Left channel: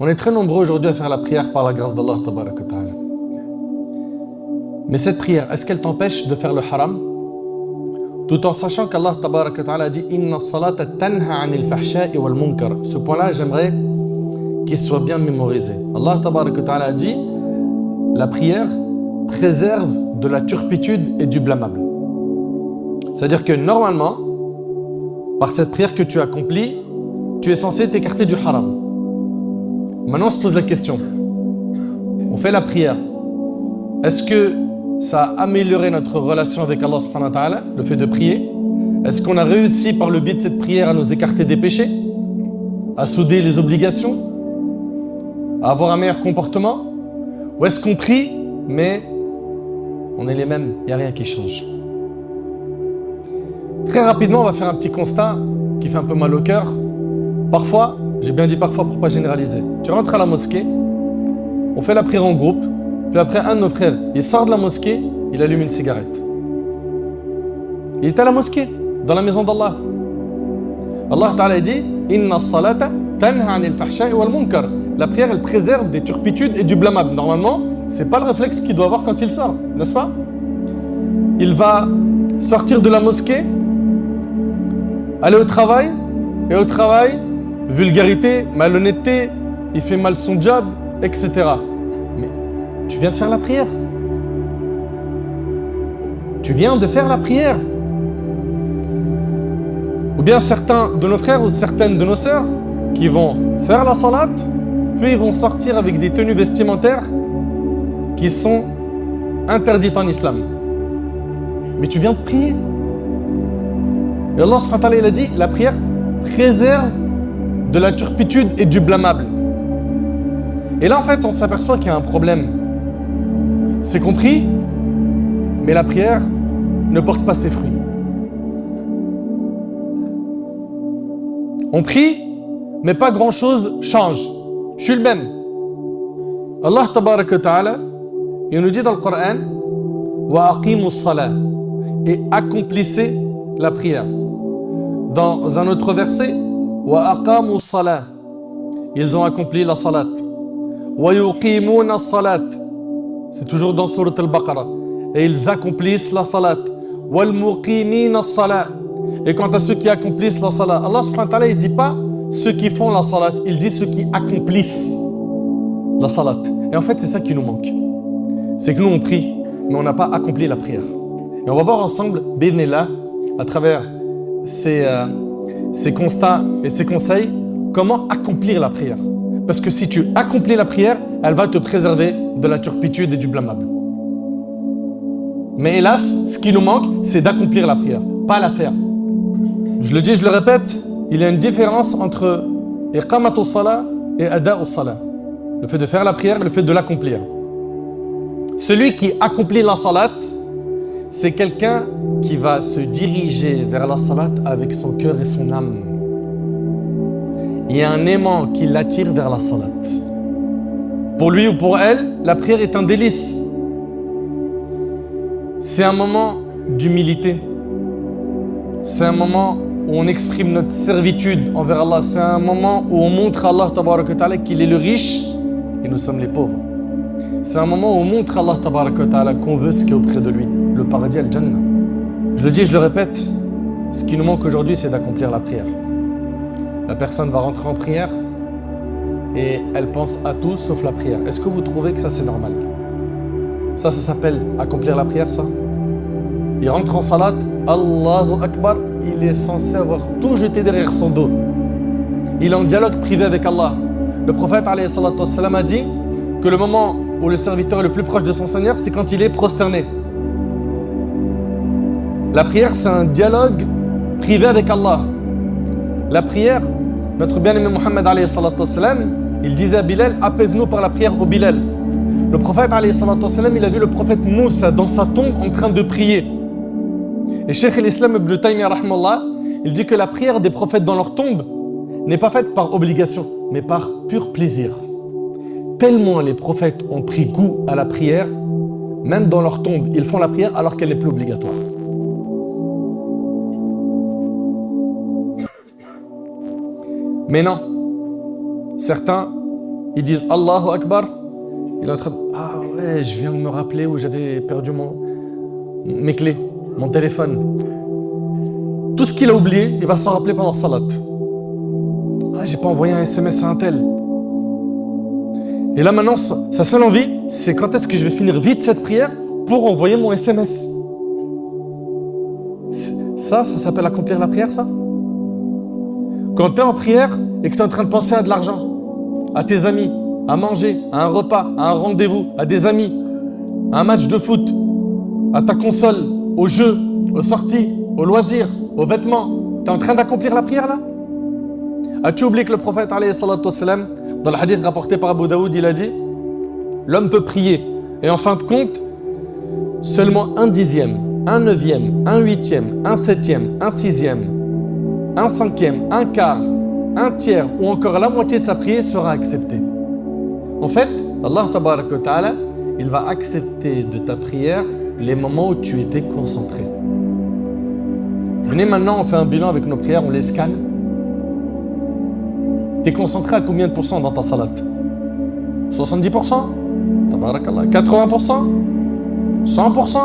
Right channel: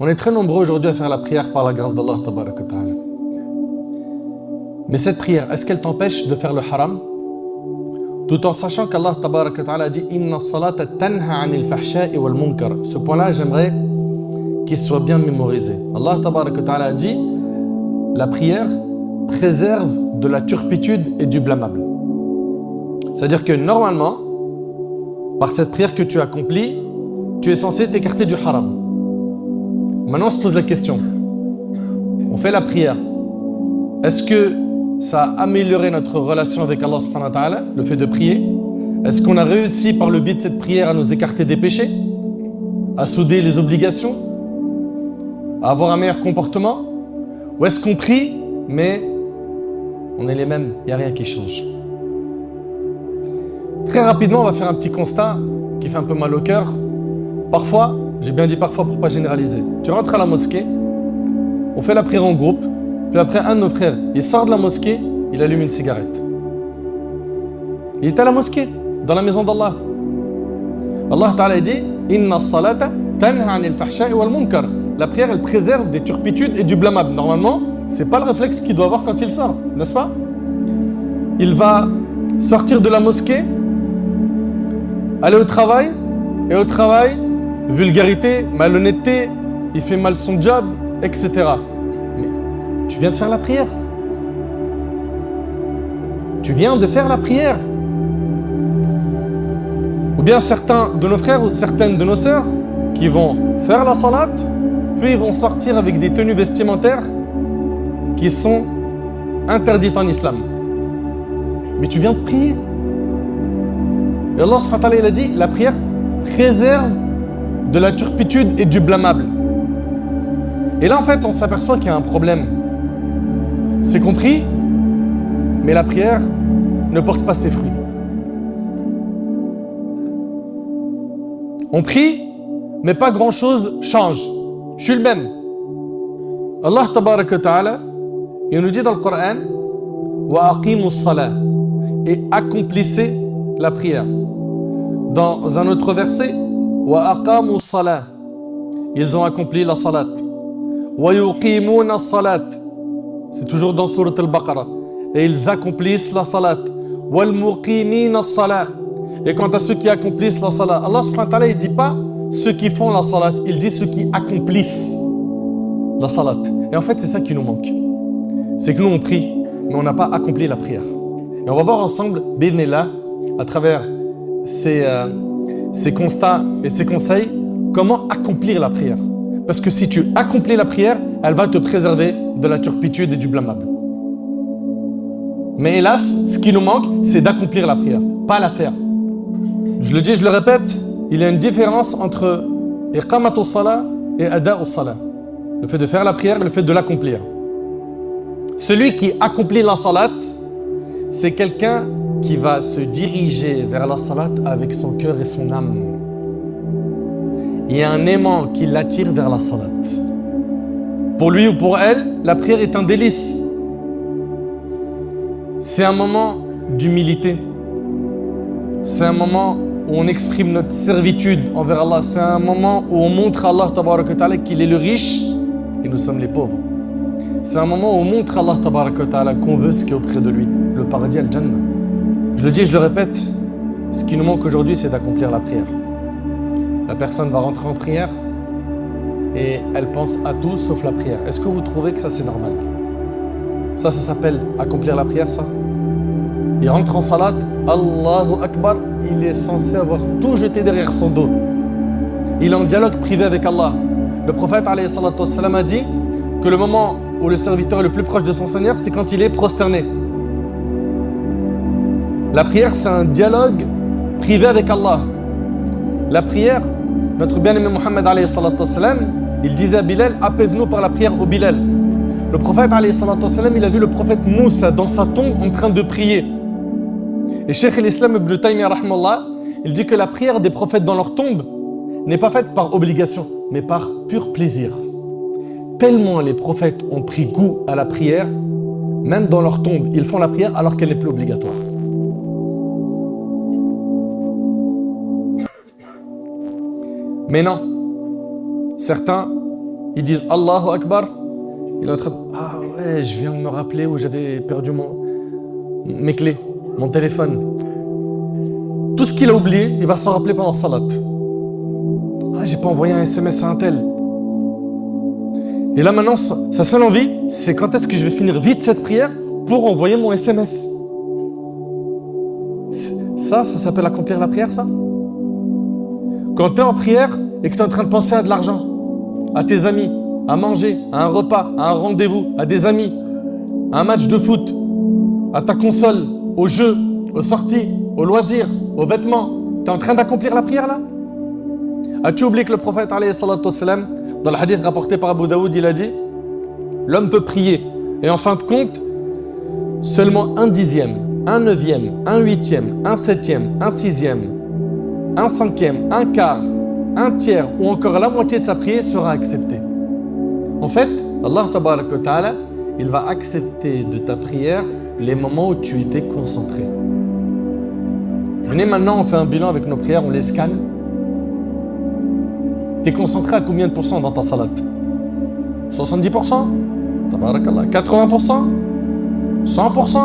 On est très nombreux aujourd'hui à faire la prière par la grâce d'Allah tabaraka wa ta'ala. Mais cette prière, est-ce qu'elle t'empêche de faire le haram? Tout en sachant qu'Allah tabaraka wa ta'ala dit Inna salata tanha anil fahsha'i wal munkar. Ce point-là, j'aimerais qu'il soit bien mémorisé. Allah tabaraka wa ta'ala a dit la prière préserve de la turpitude et du blâmable. C'est-à-dire que normalement, par cette prière que tu accomplis, tu es censé t'écarter du haram. Maintenant, on se pose la question. On fait la prière. Est-ce que ça a amélioré notre relation avec Allah subhanahu wa ta'ala, le fait de prier? Est-ce qu'on a réussi par le biais de cette prière à nous écarter des péchés? À souder les obligations? À avoir un meilleur comportement? Ou est-ce qu'on prie, mais on est les mêmes, il n'y a rien qui change? Très rapidement, on va faire un petit constat qui fait un peu mal au cœur. Parfois, j'ai bien dit parfois pour ne pas généraliser, tu rentres à la mosquée, on fait la prière en groupe, puis après un de nos frères, il sort de la mosquée, il allume une cigarette. Il est à la mosquée, dans la maison d'Allah. Allah Ta'ala dit Inna salata tanha anil fahsha'i wal munkar. La prière, elle préserve des turpitudes et du blâmable. Normalement, c'est pas le réflexe qu'il doit avoir quand il sort, n'est-ce pas? Il va sortir de la mosquée, aller au travail, et au travail, vulgarité, malhonnêteté, il fait mal son job, etc. Mais tu viens de faire la prière. Tu viens de faire la prière. Ou bien certains de nos frères ou certaines de nos sœurs qui vont faire la salat, puis ils vont sortir avec des tenues vestimentaires qui sont interdites en islam. Mais tu viens de prier. Et Allah subhanahu wa ta'ala, il a dit, la prière préserve de la turpitude et du blâmable. Et là, en fait, on s'aperçoit qu'il y a un problème. C'est compris, mais la prière ne porte pas ses fruits. On prie, mais pas grand-chose change. Je suis le même. Allah tabaraka wa ta'ala, il nous dit dans le Coran wa aqimus salat, et accomplissez la prière. Dans un autre verset, wa aqamus salat, ils ont accompli la salat. Wa yuqimuna salat, c'est toujours dans Surat al-Baqarah, et ils accomplissent la salat. Wal muqimina salat, et quant à ceux qui accomplissent la salat, Allah subhanahu wa ta'ala, il dit pas ceux qui font la salat, il dit ceux qui accomplissent la salat. Et en fait, c'est ça qui nous manque. C'est que nous, on prie, mais on n'a pas accompli la prière. Et on va voir ensemble, bi'idhnillah, à travers ces constats et ces conseils, comment accomplir la prière. Parce que si tu accomplis la prière, elle va te préserver de la turpitude et du blâmable. Mais hélas, ce qui nous manque, c'est d'accomplir la prière, pas la faire. Je le dis, je le répète, il y a une différence entre iqamatus salat et ada'us salat. Le fait de faire la prière et le fait de l'accomplir. Celui qui accomplit la salat, c'est quelqu'un qui va se diriger vers la salat avec son cœur et son âme. Il y a un aimant qui l'attire vers la salat. Pour lui ou pour elle, la prière est un délice. C'est un moment d'humilité. C'est un moment où on exprime notre servitude envers Allah. C'est un moment où on montre à Allah tabaraka wa ta'ala qu'il est le riche et nous sommes les pauvres. C'est un moment où on montre à Allah tabaraka wa ta'ala qu'on veut ce qui est auprès de lui, le paradis al-Jannah. Je le dis et je le répète, ce qui nous manque aujourd'hui, c'est d'accomplir la prière. La personne va rentrer en prière et elle pense à tout sauf la prière. Est-ce que vous trouvez que ça c'est normal? Ça s'appelle accomplir la prière, ça? Il rentre en salat, Allahu Akbar, il est censé avoir tout jeté derrière son dos. Il est en dialogue privé avec Allah. Le prophète alayhi salatu wassalam a dit que le moment où le serviteur est le plus proche de son Seigneur, c'est quand il est prosterné. La prière, c'est un dialogue privé avec Allah. La prière, notre bien-aimé Mohammed alayhi salatu wassalam, il disait à Bilal, apaise-nous par la prière au Bilal. Le prophète alayhi salatu wassalam, il a vu le prophète Moussa dans sa tombe en train de prier. Et Cheikh l'Islam Ibn Taymiyyah rahmallah, il dit que la prière des prophètes dans leur tombe n'est pas faite par obligation, mais par pur plaisir. Tellement les prophètes ont pris goût à la prière, même dans leur tombe, ils font la prière alors qu'elle n'est plus obligatoire. Mais non, certains ils disent Allahu Akbar, il est en train de... Ah ouais, je viens de me rappeler où j'avais perdu mes clés, mon téléphone. Tout ce qu'il a oublié, il va s'en rappeler pendant salat. Ah, j'ai pas envoyé un SMS à un tel. Et là maintenant, sa seule envie, c'est quand est-ce que je vais finir vite cette prière pour envoyer mon SMS. Ça s'appelle accomplir la prière, ça? Quand tu es en prière et que tu es en train de penser à de l'argent, à tes amis, à manger, à un repas, à un rendez-vous, à des amis, à un match de foot, à ta console, aux jeux, aux sorties, aux loisirs, aux vêtements, tu es en train d'accomplir la prière là? As-tu oublié que le prophète, alayhi salatu wassalam, dans le hadith rapporté par Abu Daoud, il a dit l'homme peut prier et en fin de compte, seulement 1/10, 1/9, 1/8, 1/7, 1/6, 1/5, 1/4, 1/3 ou encore la moitié de sa prière sera acceptée. En fait, Allah tabaraka wa ta'ala, il va accepter de ta prière les moments où tu étais concentré. Venez maintenant, on fait un bilan avec nos prières, on les scanne. Tu es concentré à combien de pourcents dans ta salat? 70%? Tabarakallah. 80%? 100%?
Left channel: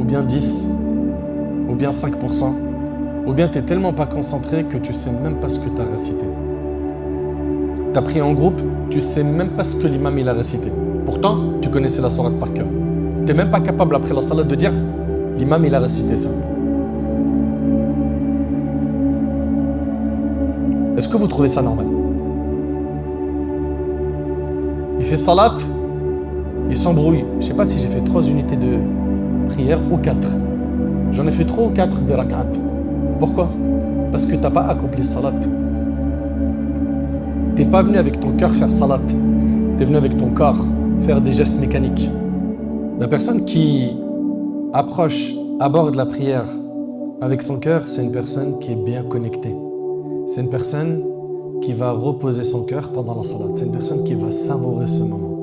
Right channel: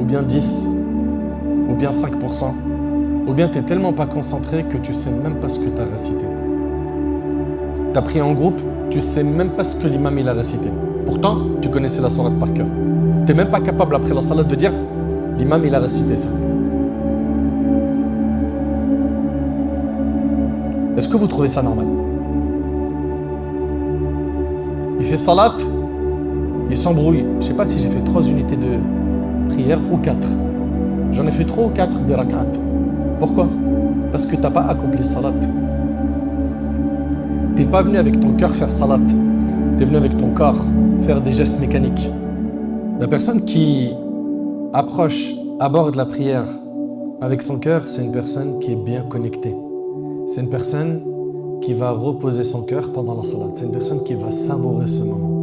Ou bien 10? Ou bien 5%? Ou bien tu n'es tellement pas concentré que tu ne sais même pas ce que tu as récité. Tu as prié en groupe, tu ne sais même pas ce que l'imam il a récité. Pourtant, tu connaissais la sourate par cœur. Tu n'es même pas capable après la salat de dire l'imam il a récité ça. Est-ce que vous trouvez ça normal? Il fait salat, il s'embrouille. Je ne sais pas si j'ai fait 3 unités de prière ou 4. J'en ai fait 3 ou 4 des rak'at. Pourquoi? Parce que tu n'as pas accompli salat. Tu n'es pas venu avec ton cœur faire salat. Tu es venu avec ton corps faire des gestes mécaniques. La personne qui aborde la prière avec son cœur, c'est une personne qui est bien connectée. C'est une personne qui va reposer son cœur pendant la salat. C'est une personne qui va savourer ce moment.